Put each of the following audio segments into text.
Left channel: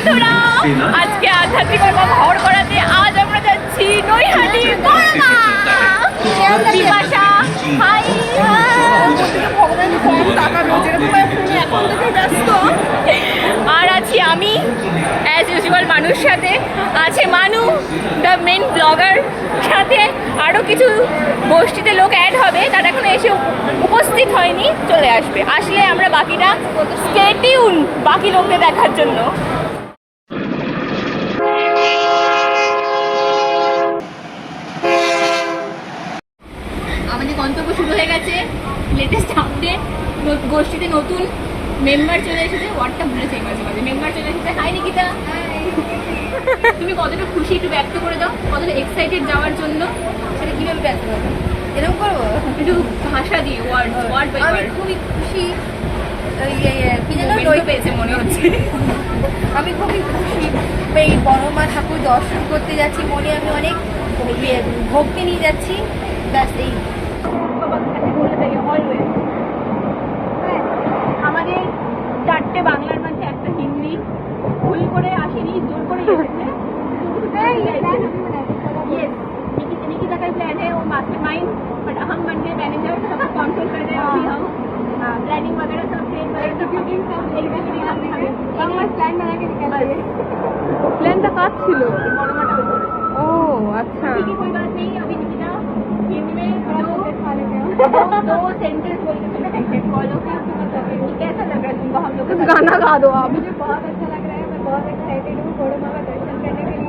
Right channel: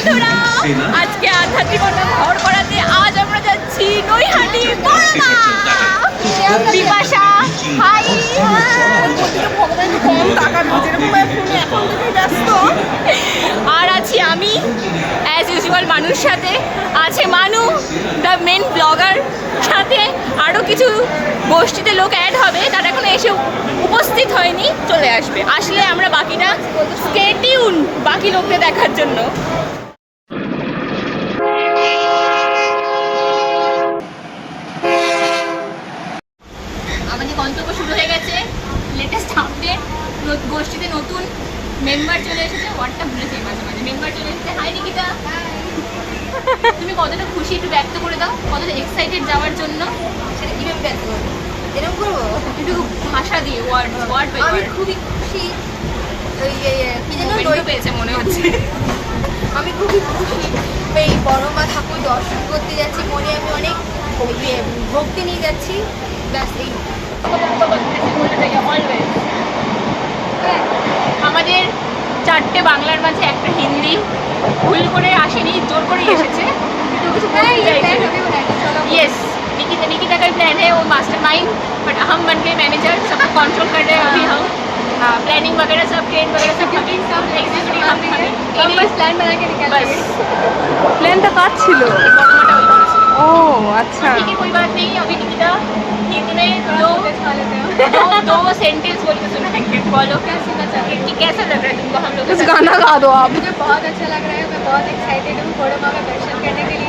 বন্ধুরা, আজকে আধ্যাত্মিকতা ভর করাতে আজ আমরা যাচ্ছি নৈহাটি বিপাশা হাই ভগবান কম আর আছি আমি অ্যাজ ইউজুয়াল মানুষ সাথে। আছে মানু দ্য মেন ব্লগার সাথে। আরও কিছু গোষ্ঠীতে লোক অ্যাড হবে, তারা এখনও এসে উপস্থিত হয়নি, চলে আসবে। আসলে আমরা বাকিটা স্কেটিউন বাকি লোকদের দেখার জন্য আমাদের গন্তব্য শুরু হয়ে গেছে লেটেস্ট আপডেট গোষ্ঠীতে নতুন মেম্বার চলে এসেছে ওয়ার্ডটা ভুলেছে মাঝে মাঝে মেম্বার চলে এসেছে হাই নিকিতা তুমি কতটা খুশি একটু ব্যক্ত করে দাও? কতটা এক্সাইটেড যাওয়ার জন্য? সেটা কীভাবে ব্যক্ত করব? এরকম করব? একটু ভাষা দিয়ে ওয়ার্ড ওয়ার্ড আমি খুবই খুশি মোমেন্টও পেয়েছে মনে হচ্ছে। আমি খুবই খুশি। এই বড় মা ঠাকুর দর্শন করতে যাচ্ছি মনে আমি অনেক ইয়ে, ভক্তি নিয়ে যাচ্ছি। ব্যাস এই। আমাদের চারটে বাংলার মাঝে একটা হিন্দি। ভুল করে আসেনি জোর করে এসেছে। यस निकिता निकिता का प्लान है वो मास्टरमाइंड बट हम बन गए मैनेजर सबको कंट्रोल कर रहे हैं अभी हम प्लानिंग वगैरह सब ट्रेन वगैरह सब बुकिंग सब एग्जैक्टली हम हम बस प्लान बना के निकाल बस প্ল্যানটা কাজ ছিল मोटा मोटा ও আচ্ছা ठीक है कोई बात नहीं अभी निकिता हिंदी में दो दो दो सेंटेंस बोल के सुनाएंगे बोलो कि कैसा लग रहा है तुमको हम लोग के कुछ साथ? गाना गा दो आप मुझे बहुत अच्छा लग रहा है मैं बहुत एक्साइटेड हूँ बड़े माँ का दर्शन करने के लिए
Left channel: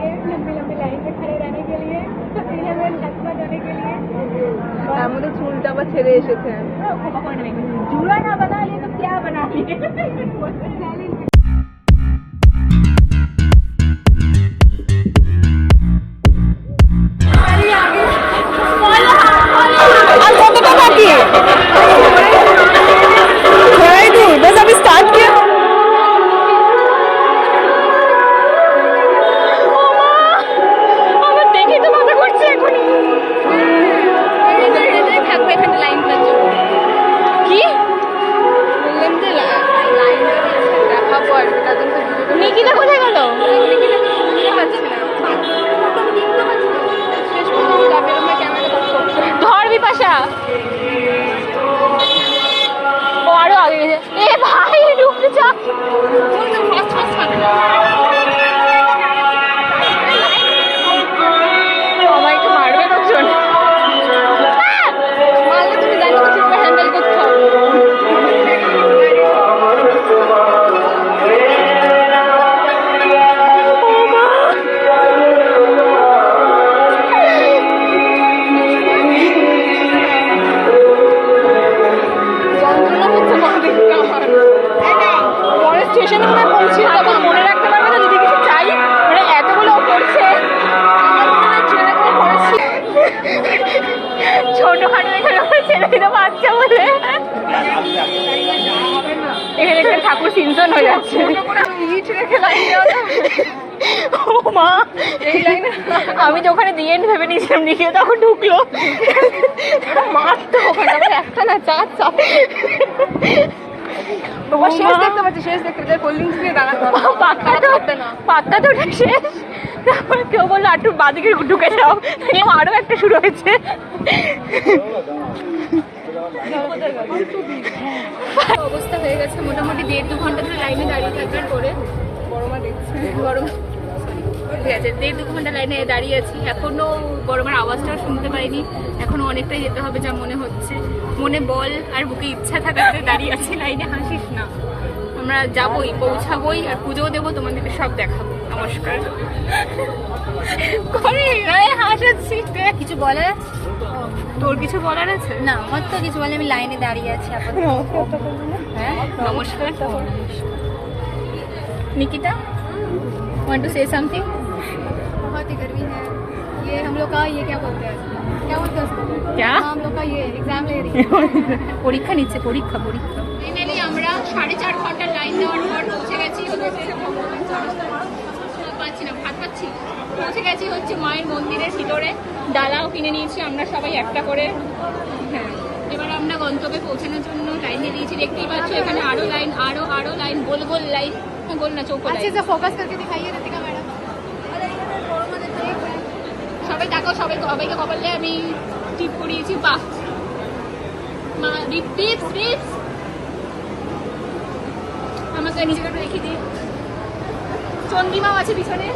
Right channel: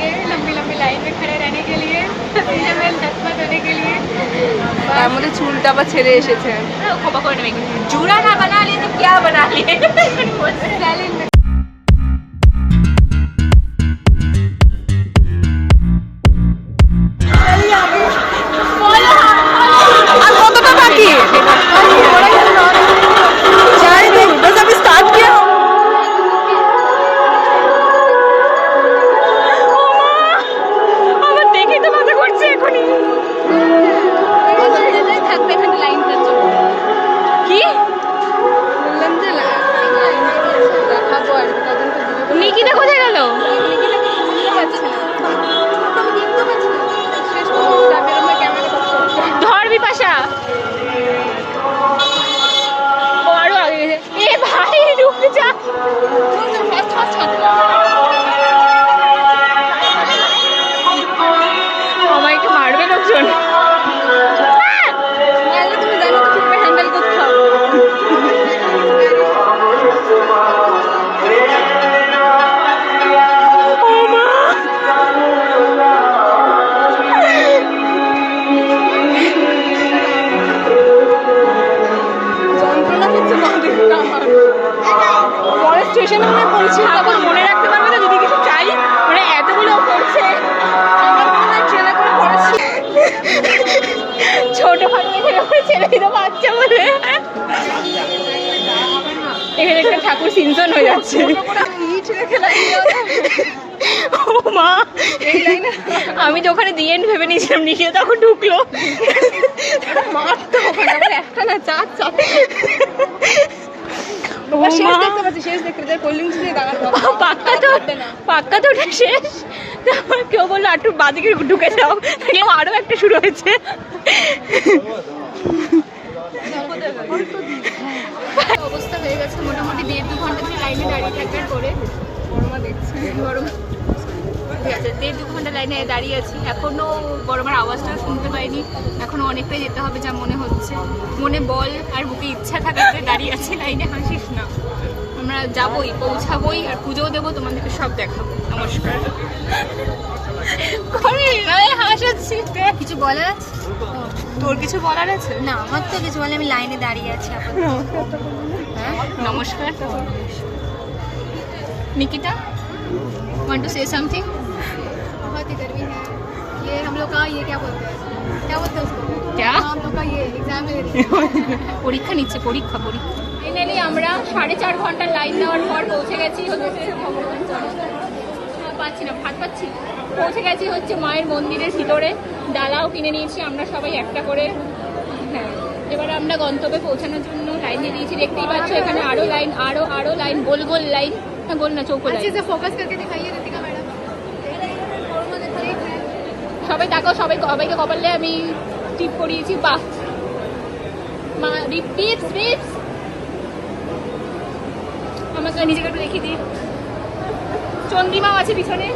তার মধ্যে চুলটা আবার ছেড়ে এসেছে। জুড়া না বানালি তো কিয়া বানালি? ঠাকুর সিনচন হয়ে যাচ্ছে। ইট রেখে লাইন মা। এই লাইনে। আমি তো ওখানে দিয়ে ভেবে নিয়েছিলাম নিয়ে তখন ঢুকলো। মারতে হবে না, আবার একটা না চার চার তোমার শেষ দেখতে পাচ্ছি শেষ দেখতে পাচ্ছি কোল্ড ড্রিঙ্কস দিয়ে দাঁড়ানো পাক্কা তো পাক্কা তো ওটা শেষ। তারপর কেউ বলল একটু বাদিকে ঢুকে যাও। দেখলাম আরও একটা শুরু হয়েছে। অবস্থা হয়ে গেছে মোটামুটি দেড় দু ঘণ্টা ধরে লাইনে দাঁড়িয়ে থাকবার করে বড়মা দেখছে গরম ঠিক আছে দেড় দু ঘণ্টা লাইনে দাঁড়িয়ে আছি এখনও গরমের আওয়াজটাও শুনতে পাইনি এখনও অনেকটাই যেতে হবে যা মনে হচ্ছে মনে বল আর বুকে ইচ্ছা থাকাতে দাঁড়িয়ে আছি লাইনে হাসিস না আমরা যাবই পৌঁছাবই আর পুজোও দেবো তোমাদেরকে সব দেখাবো নমস্কার করে হাসাচ্ছি কিছু বলার আছে তোর কিছু বলার আছে না আমার তো কিছু বলে আমি লাইনে দাঁড়িয়ে আছি আপাতত হ্যাঁ নমস্কার Nikita want to say something बहुत ही गर्मी है ये हम लोग का ये क्या बोलते हैं क्या बोलते हैं उसको क्या हम लोग का ये एग्जाम ले रही পরীক্ষা নিচ্ছে পরীক্ষা পরীক্ষা ফাইনালি আমরা সাড়ে চার ঘন্টা লাইন দেওয়ার পর পৌঁছে গেছি পাচ্ছি না ভাত পাচ্ছি না। পৌঁছে গেছি হচ্ছে মায়ের মন্দিরের ভিতরে ডালাও কিনে নিয়েছি আমরা সবাই একটা করে হ্যাঁ এবারে আমরা গন্তব্যে পৌঁছানোর জন্য লাইন দিয়ে দিয়েছি দেখতেই পাচ্ছ এখানে আরো লাইন আরো আরো লাইন গোল গোল লাইন হ্যাঁ বল না চোখ अच्छे से फोकस करके दिखाइए रितिका मैडम সবাই দেখো সবাই সবাইকে কপালে আমি টিপ করিয়েছি বাহ মা রিপ টিপস টিপস আমার নিজেকে একটু দেখিয়ে দিই চন্দ্রিমাও আছে পিছনে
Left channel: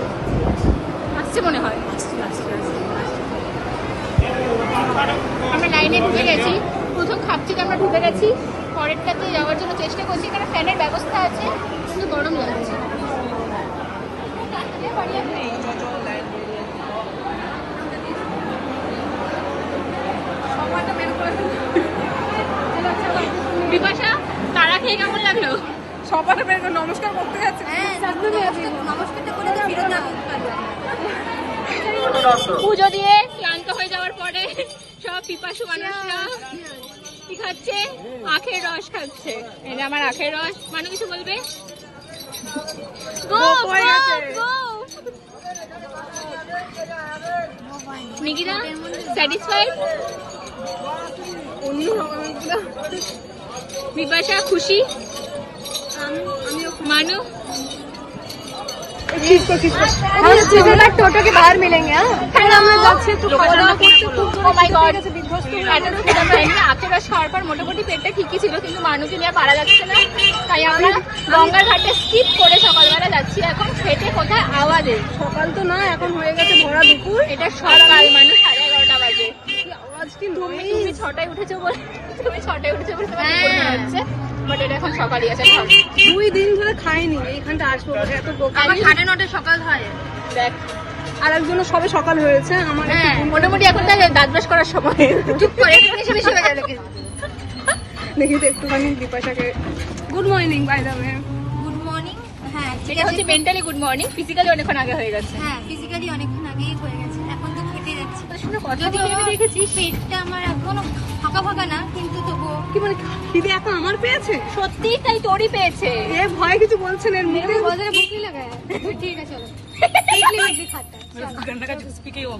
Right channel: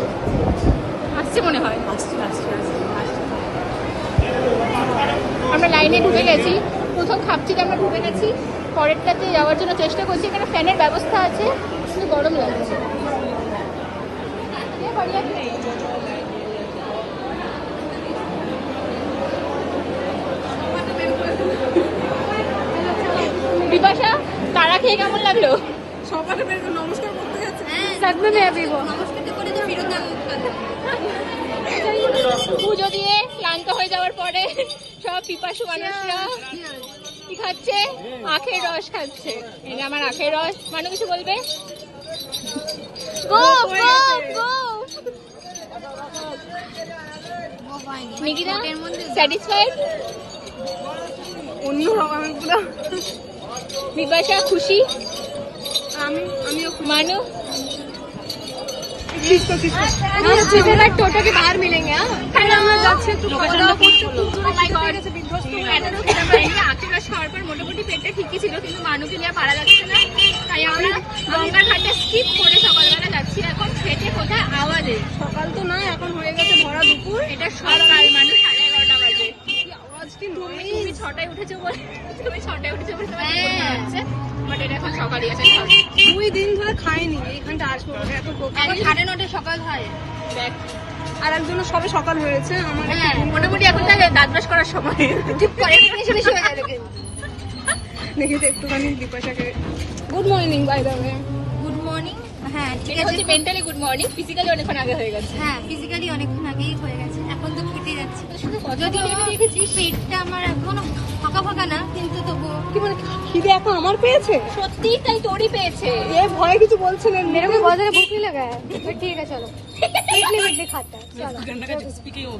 আসছে মনে হয় আমরা লাইনে ঢুকে গেছি ঠিক আমরা ঢুকে গেছি। পরেরটাতে যাওয়ার জন্য চেষ্টা করছি এখানে ফ্যানের ব্যবস্থা আছে কিন্তু গরম লাগছে। তারা খেয়ে কেমন লাগল? নমস্কার করতে হ্যাঁ, পুজো দিয়ে ক্লান্ত হয়ে যাওয়ার পরে সব পিপাসু মানুষরা হ্যাঁ। কি খাচ্ছে আখের রস খাচ্ছে এই যে আমার আখের রস মানু কিছু বলবে গো গো গো নিকিতা স্যাটিসফাইড অন্য রকমের পুরো বিপাশা খুশি আমি আমিও মানু টোটো के बाहर मिलेंगे আমরা যাচ্ছি একটু ও মাই গড আখের রস খাওয়ার পর মোটামুটি পেটটা ঠিকই ছিল কিন্তু মানুষকে নিয়ে পারা যাচ্ছে না তাই আমরা গঙ্গার ঘাটে স্কিপ করে সকালবেলা যাচ্ছি এখন খেতে কোথায় আওয়াজে সকাল তো নয় এখন হয়ে গেছে ভরা দুপুর এটা সকাল মানে সাড়ে এগারোটা বাজে ছটায় উঠেছো বলে ছটায় উঠেছো বলে হ্যাঁ। বাট এটা এখন সকালই আছে দুই দিন ধরে খাইনি এইখানটা আসব এত সকাল হয় আর একজন্য সবে সকাল হয়েছে আমার হ্যাঁ। মোটামুটি এখন দাঁতবাস করার সময়। চুপ করে দেখি তো একটুখানি বিপাশাকে good morning by the way good morning হ্যাঁ গুড মর্নিং অনেকক্ষণ আগে হয়ে গেছে। হ্যাঁ ফিজিক্যালি হয়ে এখন আমার ফাঁকা ফাঁকা না কিন্তু কি আমার পেয়েছে? তাই তোরই পেয়েছে। এ ভয় কিছু বলছিলেন মেরে বদলে বুকি লাগায়। ঠিক আছে চলো। लगा है ठीक है चलो पेट लिमिट भी खाता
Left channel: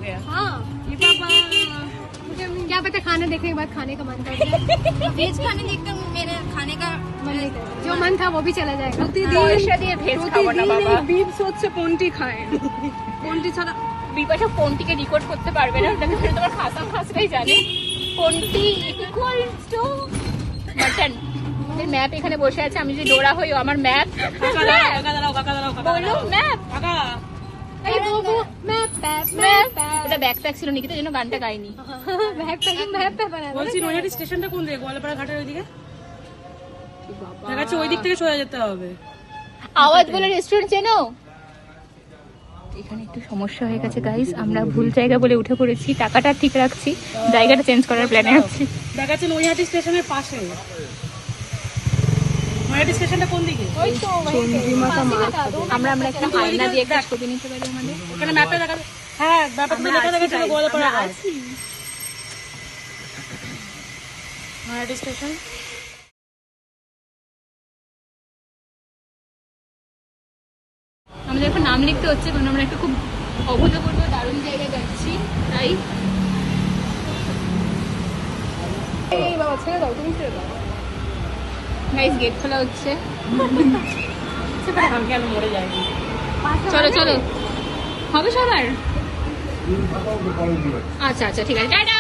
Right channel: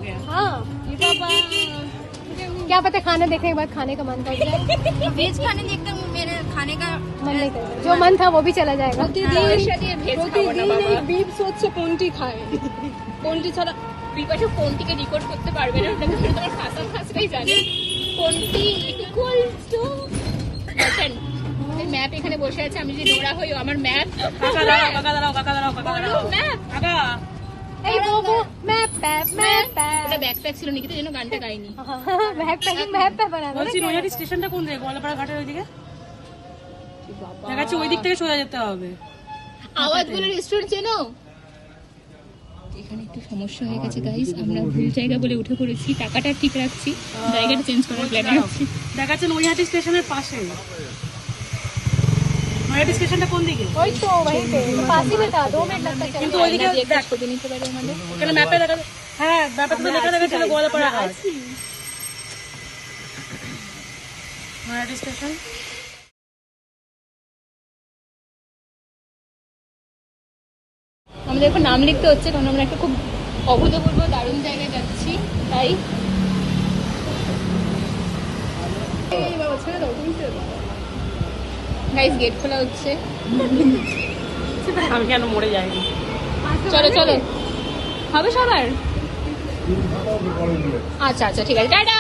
है हाँ क्या पता खाना देखने के बाद खाने का मन कर जाए बीज खाने देखते मेरे खाने का मन नहीं करता जो मन था वो भी चला जाएगा পয়সা দিয়ে ভেজ খাবো না প্রতিদিন বাবা এই বিপস হচ্ছে কোনটি খায় কোনটি ছাড়া বিপাশা ফোন থেকে রিপোর্ট করতে পারবে না তাহলে সে তোমার ভাষা ভাষাই জানে কোনটি ইকুয়ালস টু দেখেন এই ম্যাপ এখানে বসে আছে আমি যে দৌড়া হই আমার ম্যাথ। কাকা দাঁড়াও কাকা দাঁড়াও কাকা দাঁড়াও কাকা দাঁড়াও। কাকা। এই বুবু ম্যাপ ম্যাপ ম্যাপ ওটা ব্যাকপ্যাক ছিল নাকি তো এজন্য গানটা গাইনি। ব্যাকপ্যাকিং ম্যাপ বানা বলছি নৈহাটি স্টেশনটা কোন দিকে গোয়ালপাড়া ঘাটের ওইদিকে? দেখাচ্ছি ওই দিক থেকে সোজা যেতে হবে। আওয়াজ বলে রেস্টুরেন্ট চেনো? এখানে একটু সমস্যা হয়ে গেছে গাইস আমরা ভুল জায়গা বলে উঠে পড়েছি। টাকাটা ঠিক রাখছি। জায়গাটা চেঞ্জ করার প্ল্যান আছে। দেখাচ্ছে নৈহাটি স্টেশনের পাশে। স্টেশনটা কোন দিকে? আমরা আমরা একটা আয়না দিয়ে একটা ছবি নিতে পারি আমাদের। ওখানে ম্যাপে দেখা হ্যাঁ ম্যাপে তুমি স্টেশন আমাদের এখন নাম লিখতে হচ্ছে কারণ আমরা একটা খুব অভূতপূর্ব দারুণ জায়গায় যাচ্ছি তাই। গাইস গেট খোলা হচ্ছে। আমি কেন মরে যাইনি চলো চলো। হবে সবার? আচ্ছা আচ্ছা ঠিক আছে। টাটা!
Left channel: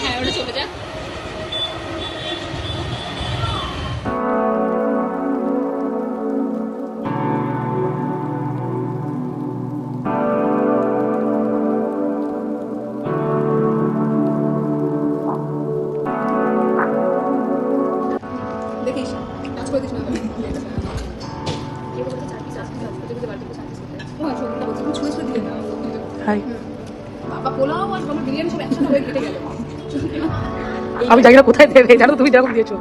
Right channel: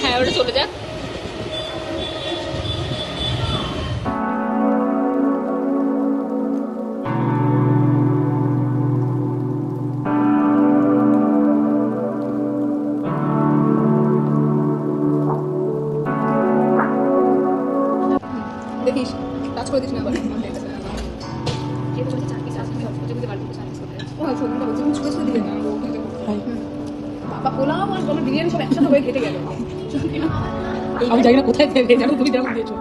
হ্যাঁ ওটা চলে যাক। দেখিস কাজ করে দিস না আবার। হয়ে। আমি জানি না কোথায় দেবে জানো তুমি যেরকম দিয়েছ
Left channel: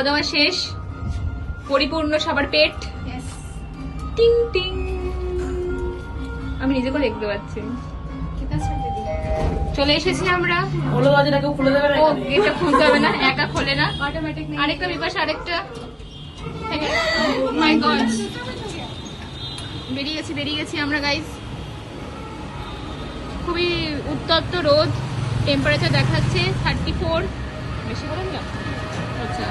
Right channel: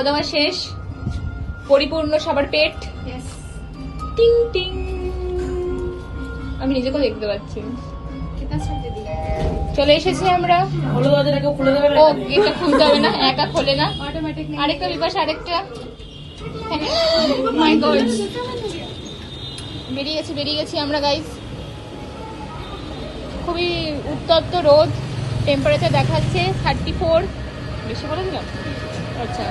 খাওয়া দাওয়া শেষ পরিপূর্ণ সবার পেট। টিং টিং। আমি নিজেকেও দেখতে পাচ্ছি। চলে এসেছি আমরা। হলো দরজাটা কেউ খুলে দেবে না? ও এটা খুলতে হবে না একা খোলে না। অটোমেটিক আরেকটা বিপাশ আরেকটা। মাই গড বেরিয়ে গেছি বেরিয়ে গেছি আমরা গাইস খুবই উত্তপ্ত রোদ। টেম্পারেচার দেখাচ্ছে থার্টি ফোর বেশি বলে দিলাম? আচ্ছা।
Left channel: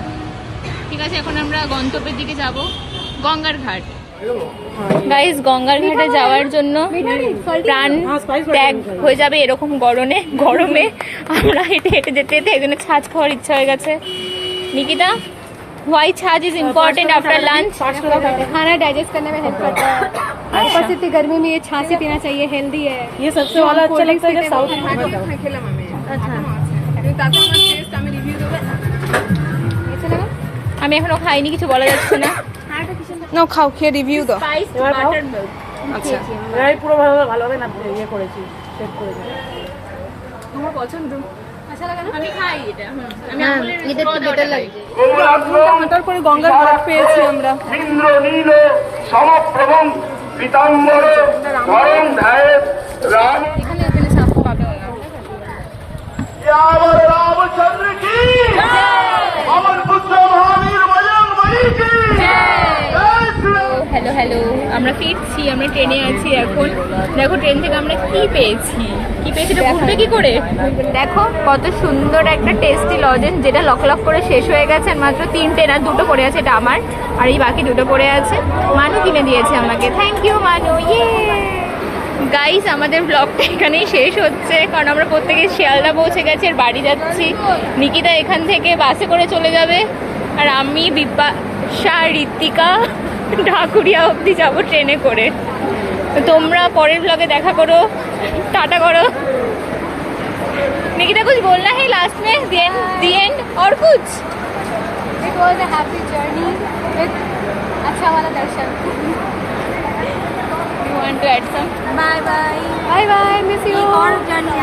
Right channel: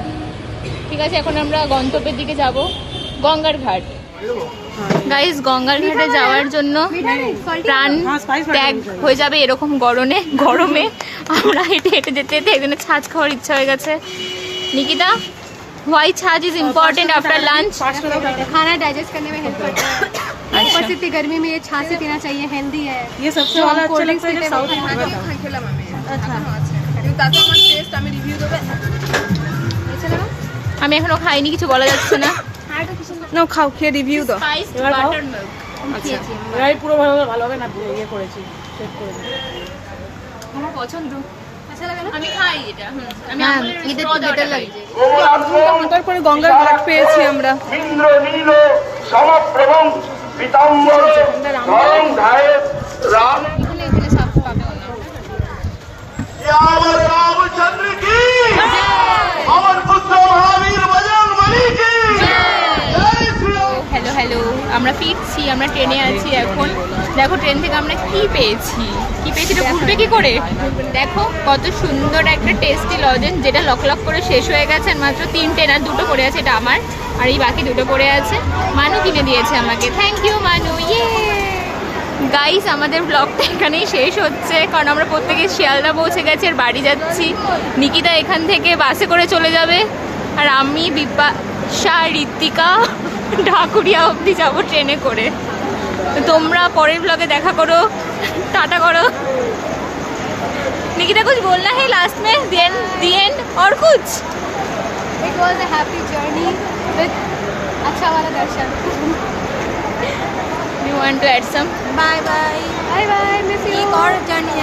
ঠিক আছে এখন আমরা গন্তব্যের দিকে যাব গঙ্গার ঘাট গাইস গঙ্গার ঘাটে যাওয়ার জন্য প্রাণ ত্যাগ হয়ে যাবে এরকম গরমে গরমে আমরা হেঁটে হেঁটে যেতে যেতে একজনে ছাজ খাওয়ার ইচ্ছা হয়ে গেছে Nikita why such is important after lunch खाना डाइजेस्ट करने में हेल्प करता है ऊपर से इतनी गर्मी में ये छाछ से पीना चाहिए हेल्दी है ये सबसे वाला अच्छा लगता है जब साउथ খেলাম আমি আচ্ছা তারপর আমার টেস্ট আমি রিভিউ দেবো আমি এখনও খাইনি কিছু বলা যাচ্ছে না। না খাও খেয়ে রিভিউ দাও। এবার খাও। আচ্ছা। পুরো ভালো ভালোভাবে না? ইয়ে করেছি চেক আমার পছন্দ। গঙ্গার পেয়েছি আমরা। রামচন্দ্র আমরা ট্রেনে আছি এখন। দেখো ট্রেন থেকে আমরা কি পেয়েছি? কি পেয়েছি? ভুলবে কি করে? দেখো, কত সুন্দর একটা টেস্টি লজেন যেটা লক লক করে শেষ হয়ে গেছে আর মাত্র তিনটে না দুটো পড়ে আছে, এটা আমার। আর এই বাকি দুটো পড়ে আছে। মানু কিনে দিয়েছে আমাকে। থ্যাংক ইউ মানু। ইয়ে গাইস আমাদের ব্লগটা এখানেই শেষ হচ্ছে, কারণ আমরা প্রত্যেকে শিয়ালদা পৌঁছে গেছি আর বাড়ি যাচ্ছি। নিকিতা এখান থেকে বাসে করে চলে যাবে। আর আমি বিপাশা ঋতিকা ঢাকুরিয়া অবধি যাব ট্রেনে করে তো তোমরা পরের ব্লগে দেখা করো টাটা করো निकिता कुछ बोलना है लास्ट में दी एंड दी एंड और कुछ it was a happy journey with अच्छा वाला दर्शन you want to add some bye bye bye bye miss you एक और जर्नी